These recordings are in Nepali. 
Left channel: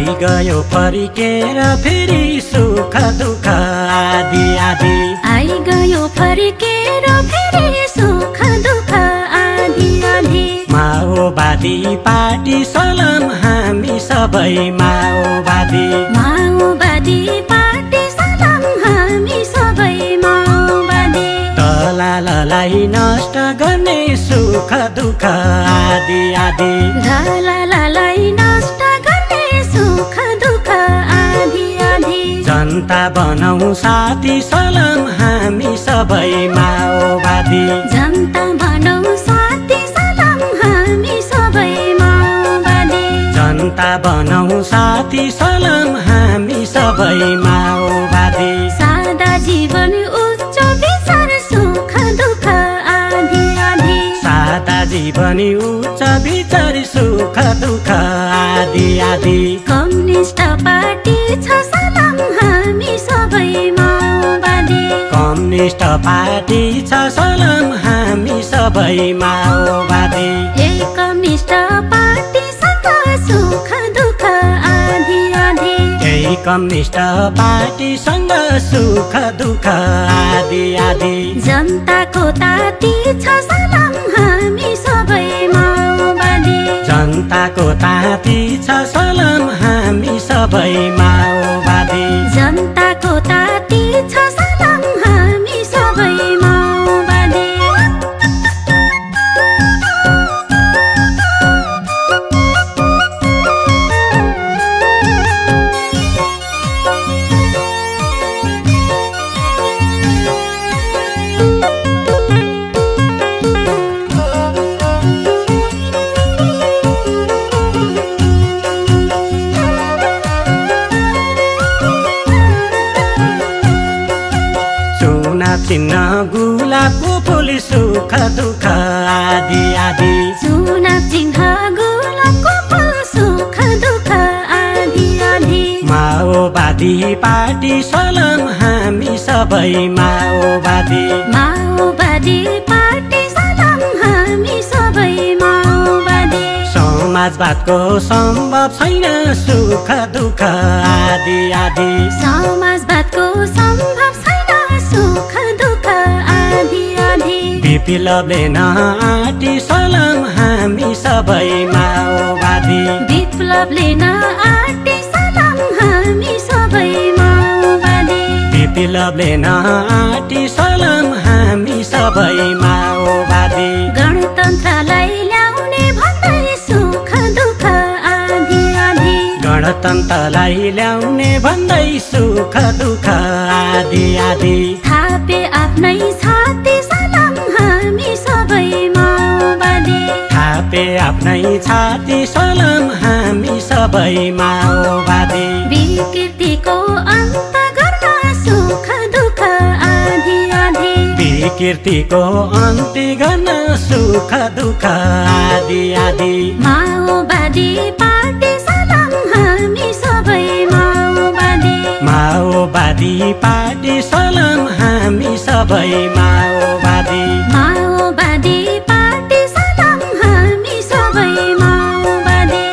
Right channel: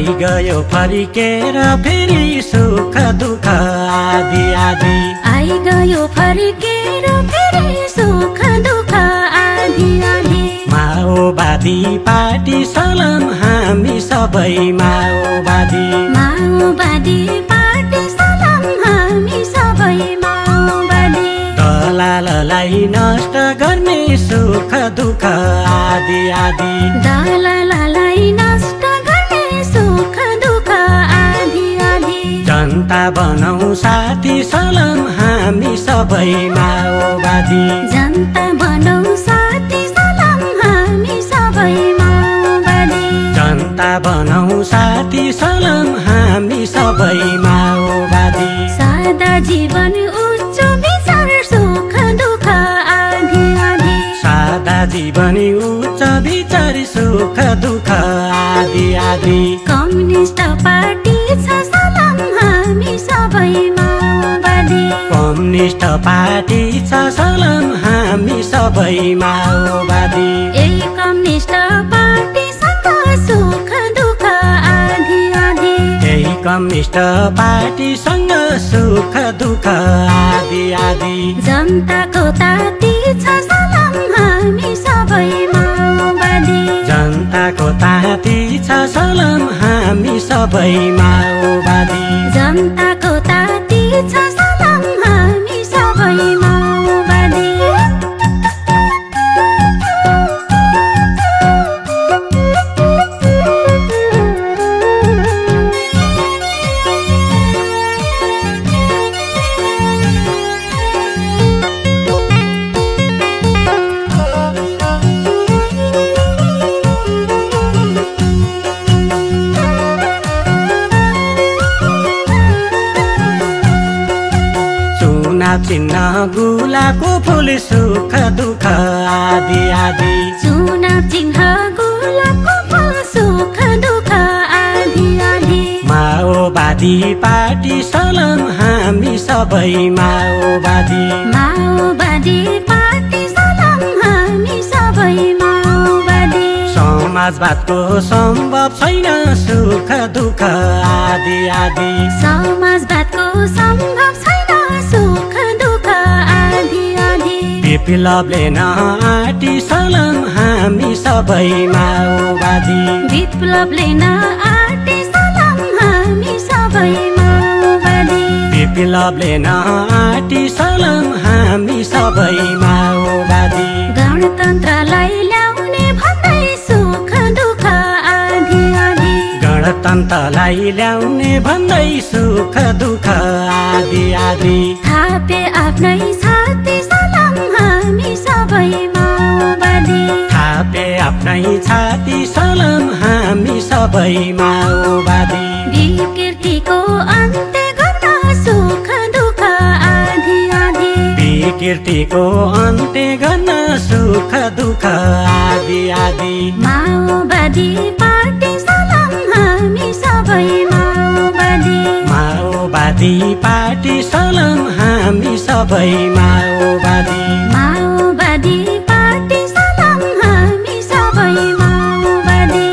आइगयो फर्केर फेरि सुख दुःख आदि आदि आइगयो फर्केर फेरि सुख दुःख आदि आदि माओवादी पार्टी सलाम हामी सबै माओवादी पार्टी सलाम हामी सबै माओवादी दलाललाई नष्ट गर्ने सुख दुःख आदि आदि दलाललाई नष्ट गर्ने सुख दुःख आदि आदि जनता बनाऊ साथी सलाम हामी सबै माओवादी जनता बनाऊ साथी सलाम हामी सबै माओवादी जनता बनाऊ साथी सलाम हामी सबै माओवादी सादा जीवन उच्च विचार सुख दुःख आदि आदि सादा जीवनी उच्च विचार सुख दुःख आदि आदि कम्युनिस्ट पार्टी छ सलाम हामी सबै माओवादी कम्युनिस्ट पार्टी छ सलाम हामी सबै माओवादी कम्युनिस्ट पार्टीसँग सुख दुःख आदि आदि कम्युनिस्ट पार्टीसँग सुख दुःख आदि आदि जनताको ताती छ सलाम हामी सबै माओवादी जनताको ताती छ सलाम हामी सबै माओवादी जनताको ताती छ सलाम हामी सबै माओवादी चिन्ह गुलाबको फुल सुख दुःख आदि आदि चुनाव चिन्ह गुलाबको फुल सुख दुःख आदि आदि माओवादी पार्टी सलाम हामी सबै माओवादी पार्टी सलाम हामी सबै माओवादी समाजवादको सम्भव छैन सुख दुःख आदि आदि समाजवादको सम्भव छैन सुख दुःख आदि आदि विप्लवले नआटी सलाम हामी सबै माओवादी विप्लवले नआटी सलाम हामी सबै माओवादी विप्लवले नआटी सलाम हामी सबै माओवादी गणतन्त्रलाई ल्याउने भन्दै सुख दुःख आदि आदि गणतन्त्रलाई ल्याउने भन्दै सुख दुःख आदि आदि थापे आफ्नै छाती सलाम हामी सबै माओवादी थापे आफ्नै छाती सलाम हामी सबै माओवादी विकृतिको अन्त गर्न सुख दुःख आदि आदि विकृतिको अन्त्य गर्न सुख दुःख आदि आदि माओवादी पार्टी सलाम हामी सबै माओवादी पार्टी सलाम हामी सबै माओवादी पार्टी सलाम हामी सबै माओवादी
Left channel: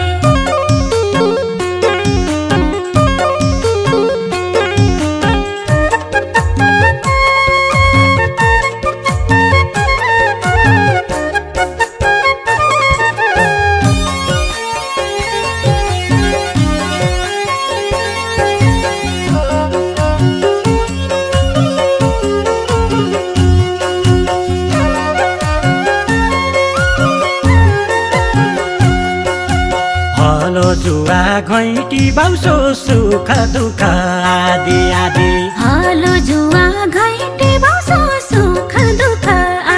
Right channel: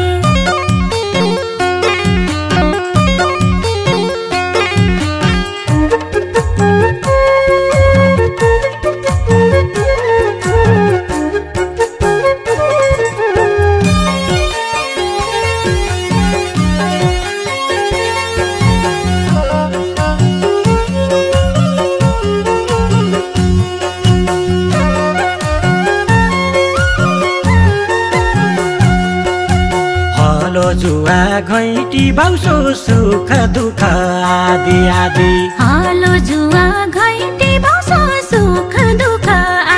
जुवा घैटी बाउसो सुख दुःख आदि आदि हलो जुवा घैटी बाउसो सुख दुःख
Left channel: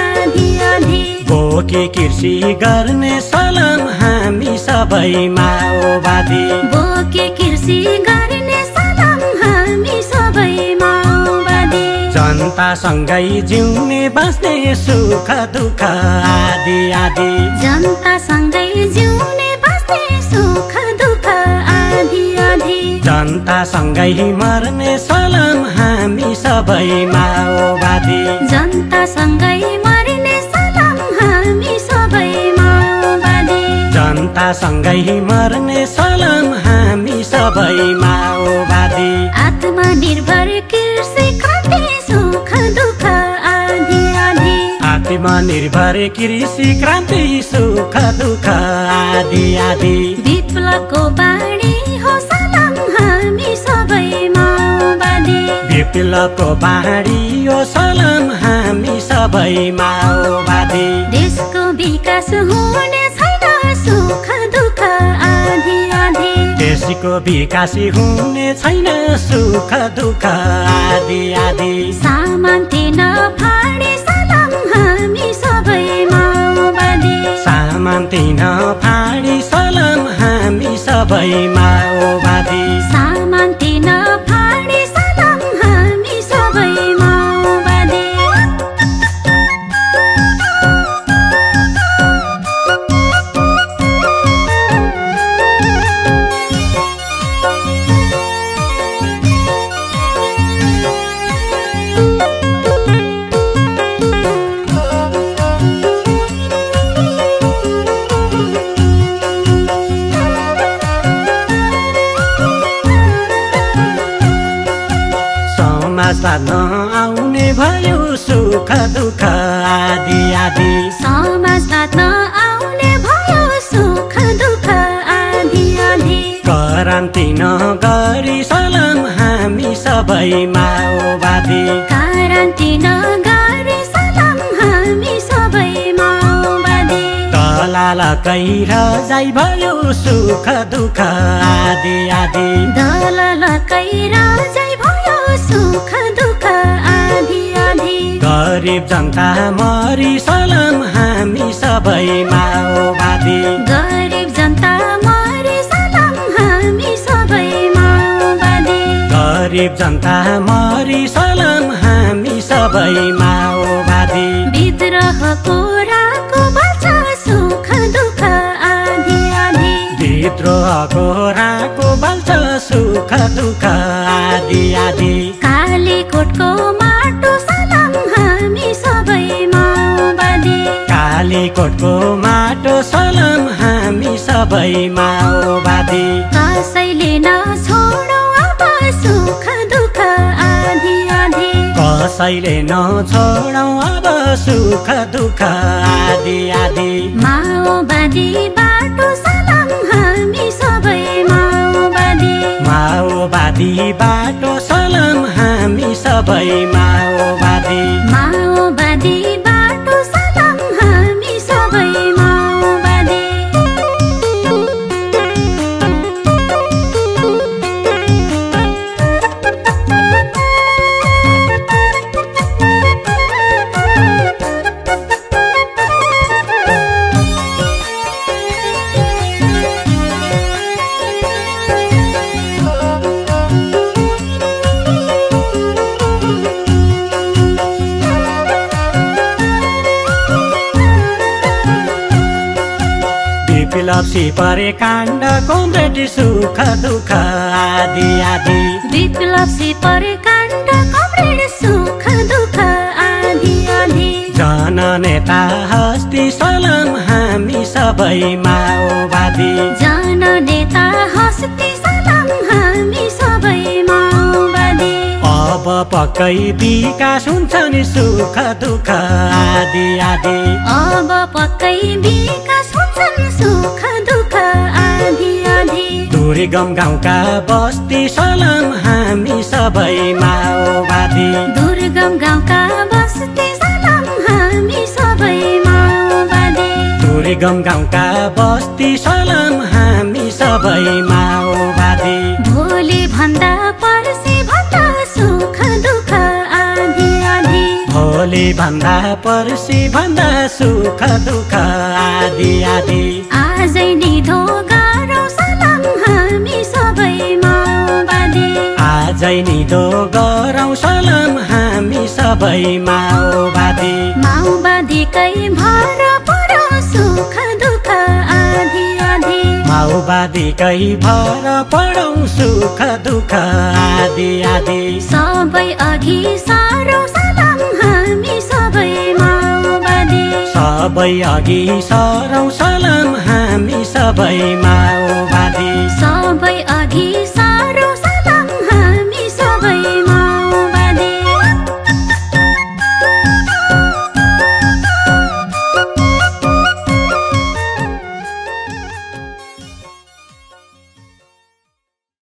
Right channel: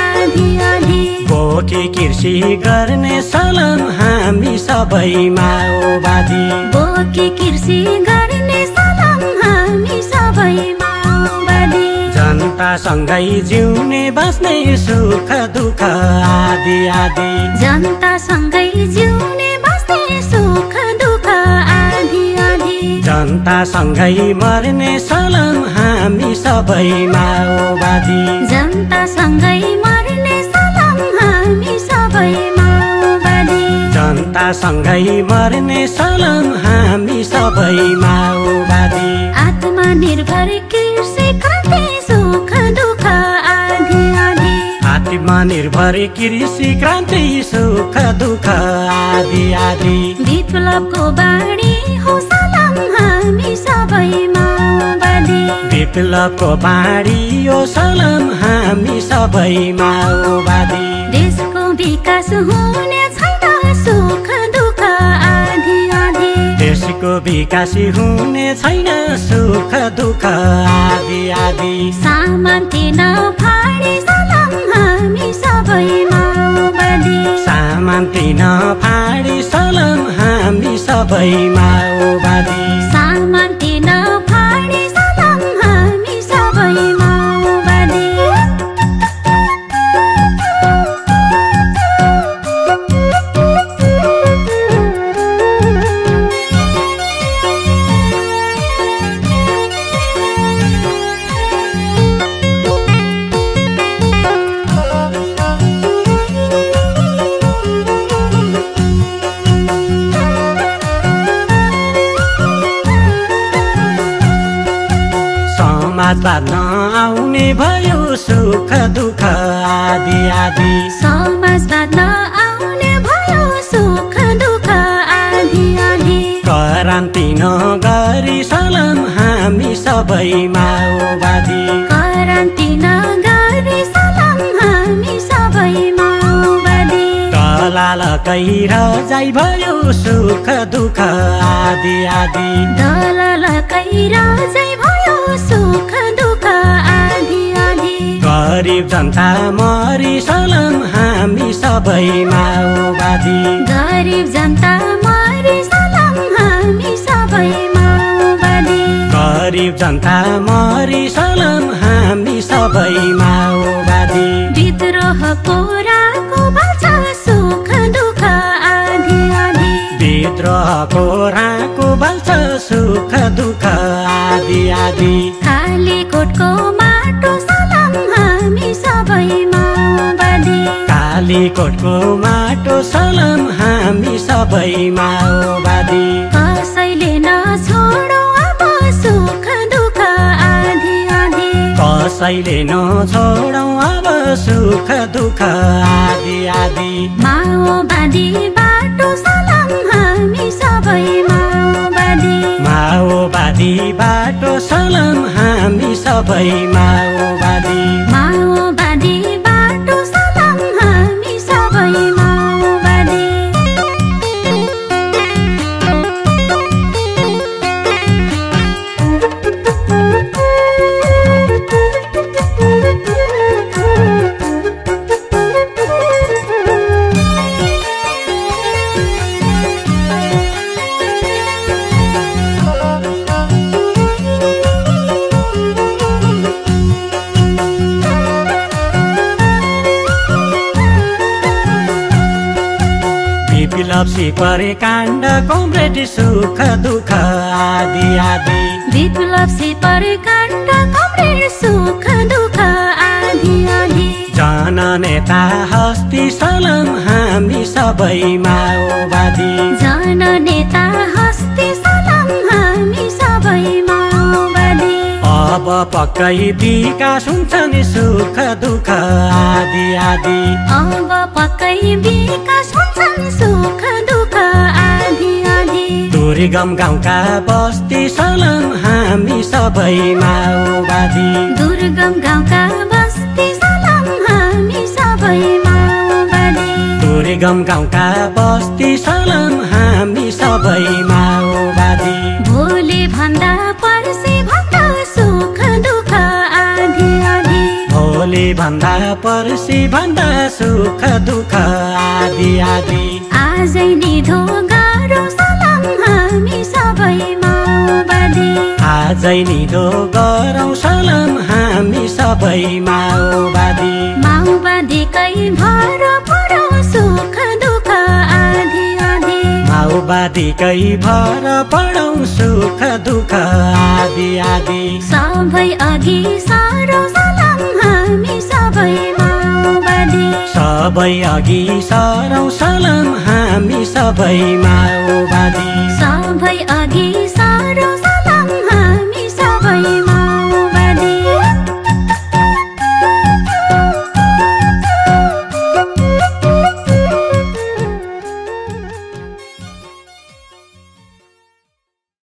आदि आदि बोकी कृषि गर्ने सलाम हामी सबै माओवादी बोकी कृषि गर्ने सलाम हामी सबै माओवादी जनतासँगै जिउने बाँच्ने सुख दुःख आदि आदि जनतासँगै जिउने बाँच्ने सुख दुःख आदि आदि जनतासँगै मर्ने सलाम हामी सबै माओवादी जनतासँगै मर्ने सलाम हामी सबै माओवादी जनतासँगै मर्ने सलाम हामी सबै सुख दुःख आदि आदि विप्लवको बाणी हो सलाम हामी सबै माओवादी विप्लवको बाणी हो सलाम हामी सबै माओवादी देशको विकास हुने छैन सुख दुःख आदि आदि देशको विकास हुने छैन सुख दुःख आदि आदि सामन्ती नफाडी सलाम हामी सबै माओवादी सामन्ती नफाडी सलाम हामी सबै माओवादी सामन्ती नफाडी सलाम हामी सबै माओवादी समाजमा आउने भयो सुख दुःख आदि आदि समाजमा नआउने भयो सुख दुःख आदि आदि करान्ति नगरी सलाम हामी सबै माओवादी क्रान्ति नगरी सलाम हामी सबै माओवादी दलालकै रजाइ भयो सुख दुःख आदि आदि दलालकै राजै भयो सुख दुःख आदि आदि गरिब जनता मरी सलाम हामी सबै माओवादी गरिब जनता मरी सलाम हामी सबै माओवादी गरिब जनता मरी सलाम हामी सबै माओवादी विद्रोहको राको बच्चा सुख दुःख आदि आदि विद्रोहको राको बल्छ सुख दुःख आदि आदि कालीकोटको माटो सलाम हामी सबै माओवादी कालीकोटको माटो सलाम हामी सबै माओवादी कसैले नछोडो अब सुख दुःख आदि आदि कसैले नछोडौ अब सुख दुःख आदि आदि माओवादी बाटो सलाम हामी सबै माओवादी माओवादी बाटो सलाम हामी सबै माओवादी माओवादी बाटो सलाम हामी सबै माओवादी परे काण्ड कमरेड सुख दुःख आदि आदि विप्लव सिपरे काण्ड कमरेड सुख दुःख आदि आदि जननेता हस्ती सलाम हामी सबै माओवादी जननेता हस्ती सलाम हामी सबै माओवादी अब पक्कै विकास हुन्छ नि सुख दुःख आदि आदि अब पक्कै विकास हुन्छ नि सुख दुःख आदि आदि दुर्गम गाउँका बस्ती सलाम हामी सबै माओवादी दुर्गम गाउँका बस्ती सलाम हामी सबै माओवादी दुर्गम गाउँका बस्ती सलाम हामी सबै माओवादी भोलि भन्दा पर्सि भन्दा सुख दुःख आदि आदि भोलि भन्दा पर्सि भन्दा सुख दुःख आदि आदि आजै निधो गरौँ सलाम हामी सबै माओवादी आजै निधो गरौँ सलाम हामी सबै माओवादी माओवादीकै भर परो सुख दुःख आदि आदि माओवादीकै भर पढौँ सुख दुःख आदि आदि सबै अघि सारौँ सलाम हामी सबै माओवादी सबै अघि सरौँ